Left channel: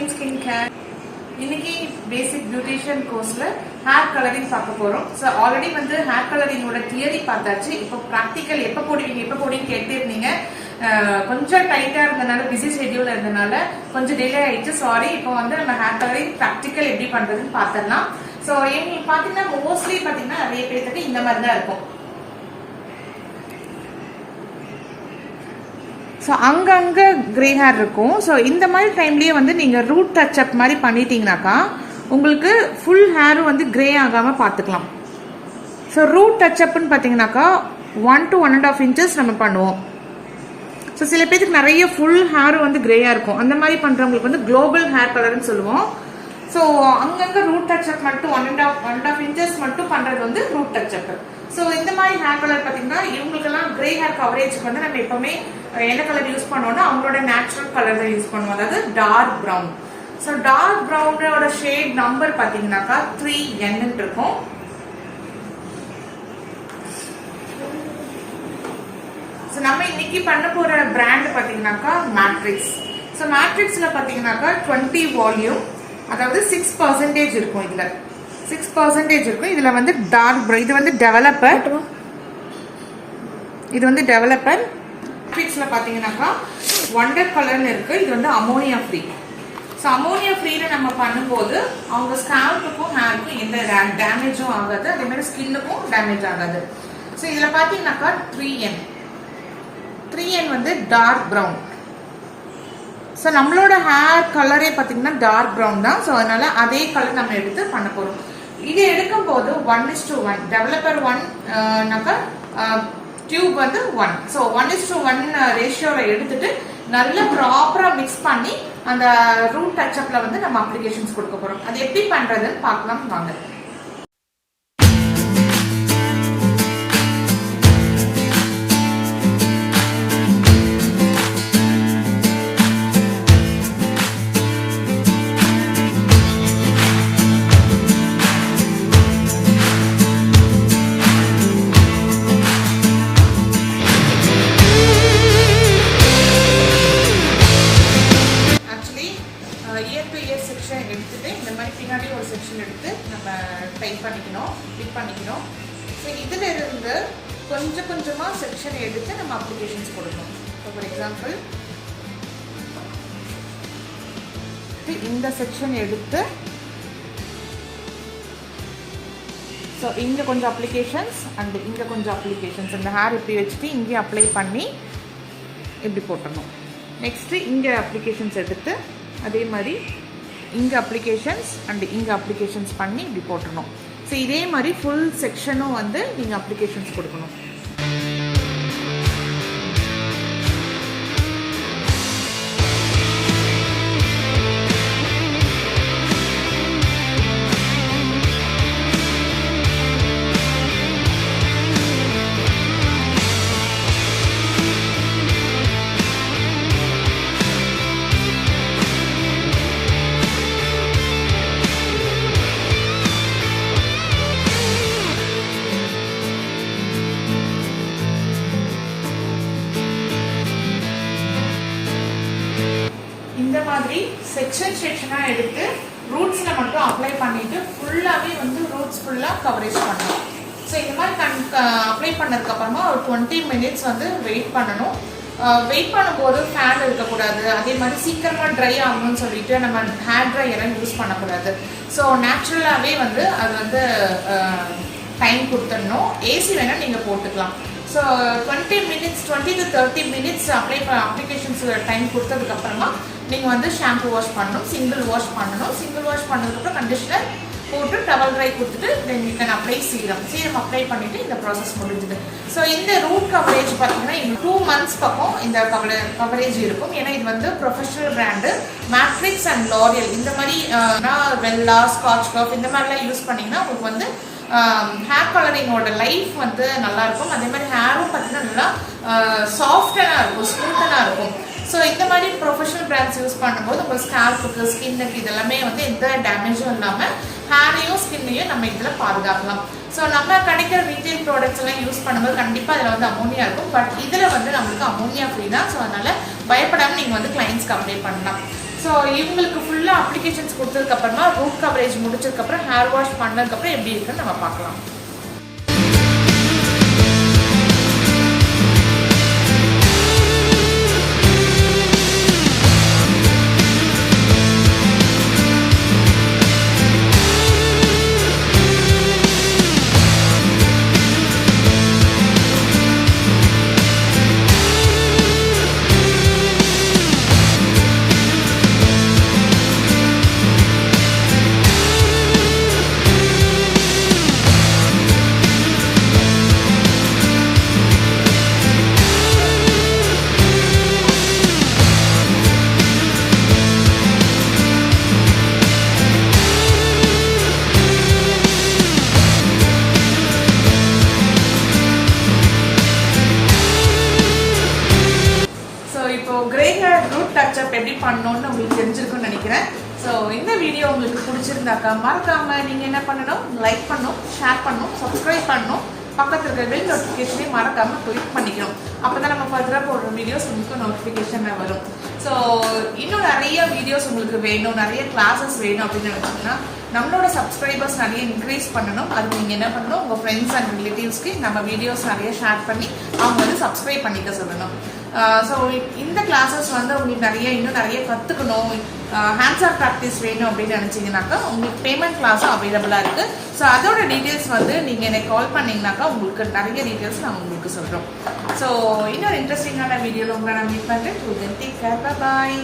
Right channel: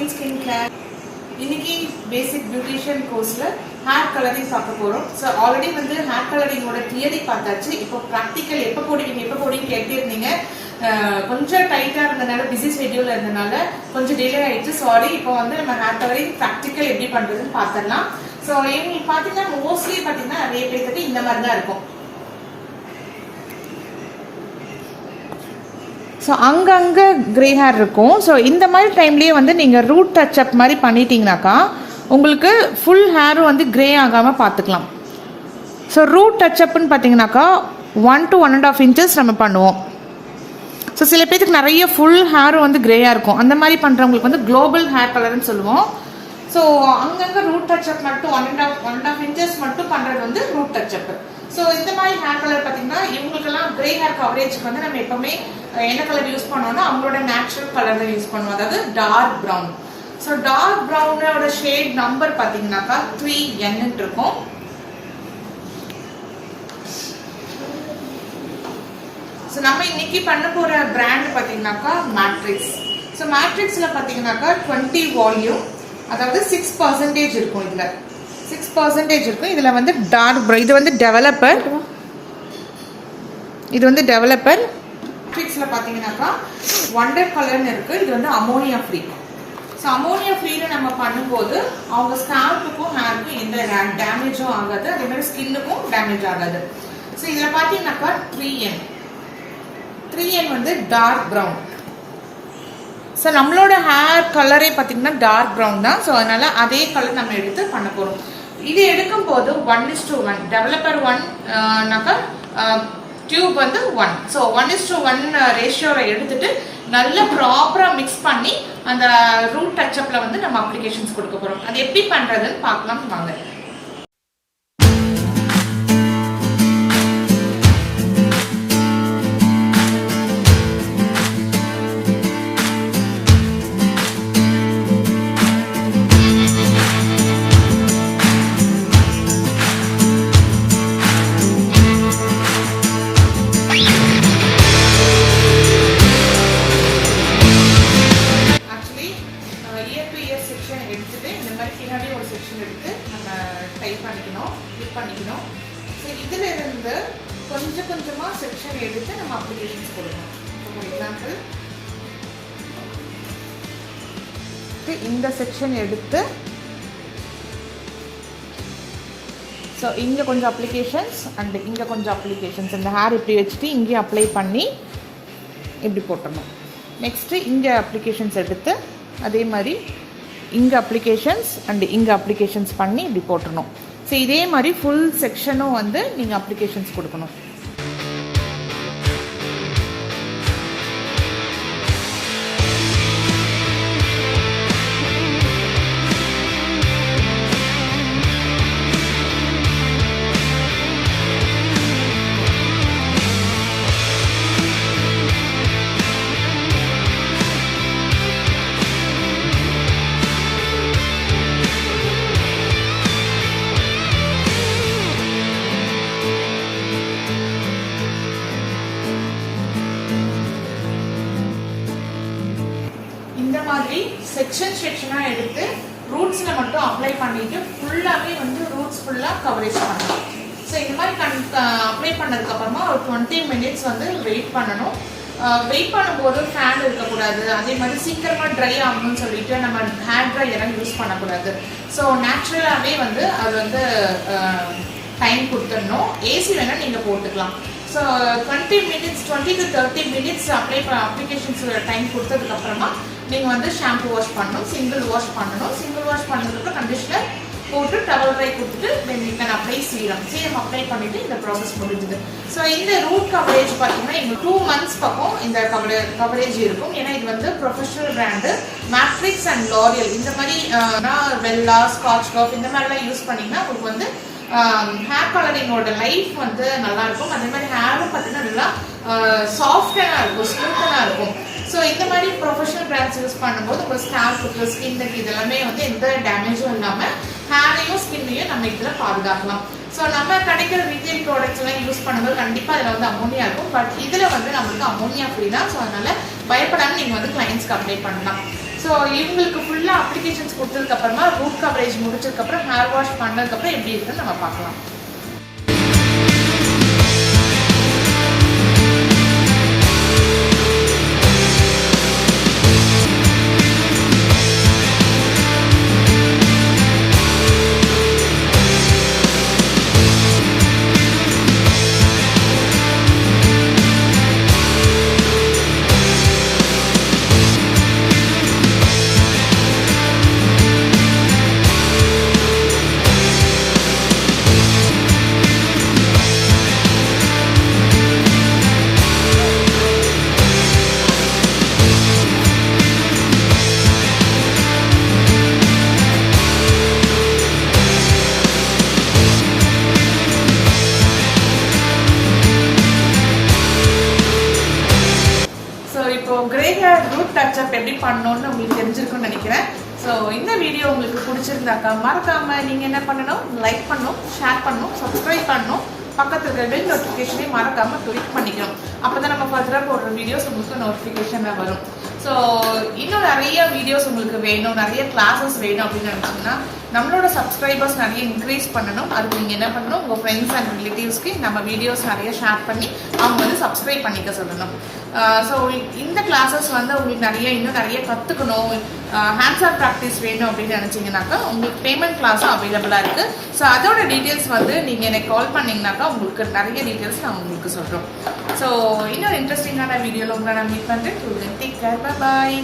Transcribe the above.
again skincare. இன்னைக்கு பேசிக் beautician கோர்ஸ்ல hair colouring பார்க்க போறோம். ஸோ ஆல்ரெடி வந்து ஹேர் கலரிங்கோட தியரி பார்த்தாச்சு. இப்போ ப்ராக்டிக்கல் எப்போ போடுவீங்க கேட்டே இருந்தீங்க. கொஞ்சம் டைட்டா இருந்தனால பிஸி ஷெட்யூல் இருந்தனால கொஞ்சம் டிலே ஆயிடுச்சு, சாரி. இப்போ வந்து நம்ம ஹேர் கலரிங் ப்ராக்டிக்கல் எப்படி பண்றதுன்னு பார்த்துடலாம். ஸோ இவங்களுக்கு பாத்தீங்கன்னா மோஸ்ட்லி பாத்தீங்கன்னா நிறைய பேருக்கு இந்த மாதிரி தான் இருக்கும். ஸோ அங்கங்கே கிரே ஹேர் இருக்கும். ஸோ இந்த மாதிரி டைம்லேயே வந்து நீங்கள் ரூட் டச்சப் மாதிரி பண்ணிட்டீங்கனாக்கா உங்களுக்கு ஃபுல் ஹேரும் வந்து கிரே ஆகாமல் பார்த்துக்கலாம். ஸோ ரூட் டச்சப்னு பார்த்தீங்கன்னாக்கா 1 to 1.5 inches நம்ம பண்ணுவோம். ஸோ சில பேருக்கு நிறைய ஃபுல் ஹேரும் வந்து கிரேயாக இருக்கும். அந்த மாதிரி பண்ணுறவங்களுக்கு வந்து குளோபல் ஹேர் கலர்னு சொல்லுவோம். ஸோ அங்கங்கே ரூட் டச்சப் மட்டும் 1.5 inches மட்டும் பண்ணுறது வந்து ரூட் டச்சப். ஸோ இந்த மாதிரி ஹேர் கலர் பார்த்தீங்கன்னா இவங்களுக்கெல்லாம் கிரே ஹேர் கவரேஜுக்கு வந்து நம்ம எப்பவுமே என்ன கலர் யூஸ் பண்ணுவோம்னா அவங்களோட நேச்சுரல் கலர் தான் யூஸ் பண்ணுவோம், அதாவது டார்க் ப்ரௌன். ஸோ டார்க் ப்ரௌனோட ஷேட் நம்பர் பார்த்தீங்கன்னாக்கா 3N இருக்கும். ஸோ நம்ம இன்னைக்கு பண்ண போற பிராண்ட் பார்த்தீங்கன்னாக்கா மேட்ரிக்ஸ். ஸோ மேட்ரிக்ஸ்ல பார்த்தீங்கன்னாக்கா 20 வால்யூம், அதாவது 6% இருக்கும். இதுல 6% இருக்கும். இதுல வந்து டார்க் ப்ரௌன், இது வந்து டெவலப்பர், இது வந்து டெவலப்பர். மேட்ரிக்ஸ்ல பாத்தீங்கன்னாக்கா வண்டர் கலர்னு இருக்கு. இது வந்து அமோனியா ஃப்ரீ. ஸோ அமோனியா ஃப்ரீல நம்ம பண்ணும்போது அவங்க ஸ்கேல்ப்புக்கும் ஹேருக்கும் எந்த டேமேஜும் ஆகாது, அதே மாதிரி ஸ்கின்னுக்கும் டேமேஜ் ஆகாது. ஸோ இதுல பாத்தீங்கன்னாக்கா 3N வந்து டார்க் ப்ரௌன். ஸோ நம்மளோட ஹேர் கலரே பார்த்தீங்கன்னா டார்க் ப்ரௌன் தான். ஸோ அதனால அதே கலர் நம்ம எடுத்து பண்ண போறோம். இது எடுக்கும் போது 1:1 டெவலப்பர் 1 டியூப் வந்து 1. ஸோ 1:1 ரேஷியோல எடுத்துட்டு நல்லா ப்ராப்பரா மிக்ஸ் பண்ணி அந்த ரூட் டச்சப்ல வந்து நம்ம அப்ளிகேஷன்ஸ் கொடுக்க போறோம். அது எப்படி பண்றதுன்னு பார்க்கலாம் வாங்க. எடுத்துட்டு இந்த மாதிரி பின்னாடி ஒரு செக்ஷன் எடுத்து நம்ம டைப் பண்ணிக்கணும், கிளிக் பண்ணிக்கணும். ஸோ இதுல இருந்து கொஞ்சம் கொஞ்சமா செக்ஷன் எடுத்து நம்ம அப்ளிகேஷன்ஸ் கொடுக்கணும். இப்போ ஃபார் எக்ஸாம்பிள் இந்த செக்ஷன் எடுத்து ஸோ இங்கே கொஞ்சம் அப்ளிகேஷன்ஸ் அண்ட் இங்கே கொஞ்சம் அப்ளிகேஷன்ஸ், இந்த ஹேர் இப்படி வச்சுட்டு இங்கே அப்ளை பண்ணி இப்படி போட்டணும். நெக்ஸ்ட்டு இங்கே அப்ளிகேஷன்ஸ் எடுத்து அதே மாதிரி இங்கே அப்ளிகேஷன்ஸ் அண்ட் இங்கே அப்ளிகேஷன்ஸ் பண்ணி இப்படி போட்டணும். ஸோ இதே மாதிரி ஃபுல் செக்ஷனும் வந்து நீங்கள் அப்ளிகேஷன்ஸ் கொடுக்கணும். இந்த மாதிரி செக்ஷனா எடுத்து ரூட்ஸ்ல மட்டும் அப்ளை பண்ணிட்டு ஃபுல்லாவே வந்து ரூட்ஸ் ஃபுல்லா கவரேஜ் பண்ணணும். ஸோ இந்த மாதிரி அப்ளை பண்ணதுக்கு அப்புறமா ஒரு 20 minutes வந்து வெயிட் பண்ணணும். வெயிட் பண்ணும்போது ஃபேன் இருக்கக்கூடாது, அதே மாதிரி சீக்கிரமா ட்ரை ஆகணும்னு சொல்லிட்டு நம்ம ஹேர் ட்ரையெல்லாம் யூஸ் பண்ணக்கூடாது. ஸோ நேச்சுரலாவே வந்து அது வந்து டைம் கொடுத்துடணும். ஏசி வேணா நீங்க போட்டுக்கலாம். So 20 to 30 minutes applications time கொடுத்ததுக்கு அப்புறமா நீங்க வந்து ஷாம்பு வாஷ் பண்ணணும், சிங்கிள் வாஷ் பண்ணணும். சிங்கிள் வாஷ் பண்ணதுக்கப்புறம் கண்டிஷனர் போட்டு டவல் ட்ரை கொடுத்துட்டு then you can apply serum apply பண்ணிட்டு இந்த ப்ராசஸ் முடிஞ்சுது. ஸோ இந்த ரூட் கவரேஜ் பார்த்தீங்கன்னா இங்க 2 months பக்கம் இந்த கவரேஜ் இருக்கும். ஏன்னா இது வந்து professional brand matrix and L'Oréal. இந்த மாதிரி வெல்லா, ஸ்காட்ச் காஃப் இந்த மாதிரிலாம் யூஸ் பண்ணீங்கன்னா உங்களுக்கு வந்து ஹேர் கலரிங்கோட லைஃப் வந்து நல்லா இருக்கும். அதே மாதிரி ஹேரும் பார்த்தீங்கன்னா நல்லா சாஃப்டனா இருக்கும், ஸ்மூத்தனா இருக்கும். ஸோ இந்த மாதிரி ப்ரொஃபஷனல் பிராண்ட்ஸ் யூஸ் பண்ணும்போது உங்கள் ஸ்கேல்ப்புக்கு, ஸ்கின்னுக்கு இதெல்லாமே வந்து எந்த டேமேஜும் இல்லாமல் ஹேரையும் ஸ்கின்னையும் நம்ம இதில் பாதுகாக்கலாம். ஸோ நம்ம கிடைக்கிற ரீட்டைல் ப்ராடக்ட்ஸ் எல்லாம் யூஸ் பண்ணும்போது கண்டிப்பாக அதில் வந்து அமோனியா இருக்கும். பட் இதில் வந்து நம்மளுக்கு அமோனியா ஃப்ரீ தான். ஸோ அதனால பயப்படாமல் நீங்கள் வந்து கிளைண்ட்ஸ்க்கு அப்ளை பண்ணலாம். ஸோ இவங்களுக்கு ஃபுல்லாக அப்ளிகேஷன்ஸ் கொடுத்ததுக்கப்புறமா ரூட் கவரேஜ் முடிச்சதுக்கப்புறம் ஹேர் வாஷ் பண்ணதுக்கப்புறம் எப்படி இருக்குன்னு நம்ம பார்க்கலாம். இப்போ கிரே ஹேர் ரூட் டச்சப் எப்படி பண்ணணும்னு உங்களுக்கு தெரிஞ்சிருக்கும்னு நினைக்கிறேன். ஸோ இந்த வீடியோ உங்களுக்கு பிடிச்சிருந்தாக்கா மறக்காம நீங்க என்ன பண்ணணும், லைக் பண்ணணும், ஷேர் பண்ணணும், சப்ஸ்கிரைப் பண்ணணும், பக்கத்தில் இருக்கிற பெல் நோட்டிஃபிகேஷனையும் மறக்காம கிளிக் பண்ணிக்கணும். அப்பதான் நம்ம ஃபர்தரா போடுற வீடியோஸ் உங்களுக்கு நோட்டிஃபிகேஷன்ல வரும். ஸோ இன்னும் நிறைய வீடியோஸ் உங்களுக்கு வேணும், நிறைய கிளாஸஸ் வேணும் அப்படின்னு நினைச்சீங்கன்னா நம்மளோட சப்ஸ்கிரைபர்ஸ் நிறைய இன்க்ரீஸ் பண்ணணும். அதுக்கு நீங்கள் என்ன பண்ணணும், உங்கள் ஃப்ரெண்ட்ஸ் அண்ட் ரிலேட்டிவ்ஸ்க்கு நம்ம வீடியோஸ் நிறைய ஷேர் பண்ணி அவங்க வந்து சப்ஸ்கிரைப் பண்ணிக்க சொல்லணும். ஸோ இந்த கிளாஸஸ் வந்து உங்களுக்கு இன்னும் நிறைய கற்றுக்கணும், ஹேண்ட்ஸ் ஆன் ப்ராக்டிஸ் வேணும் அப்படின்னு நினச்சிங்கனாக்கா உங்களுக்கு பேமெண்ட் கிளாஸும் அவைலபிளாக இருக்குது. ஸோ அதோட டீட்டெயில்ஸ் வந்து நீங்கள் எனக்கு கால் பண்ணிங்கனாக்கா உங்களுக்கு நிறைய டீட்டெயில்ஸ் நான் உங்களுக்கு சொல்கிறோம். ஸோ இன்னொரு இன்ட்ரெஸ்டிங்கான வீடியோவில் உங்களை நான் மீட் பண்ணுறேன். டேக் கேர், பாய்.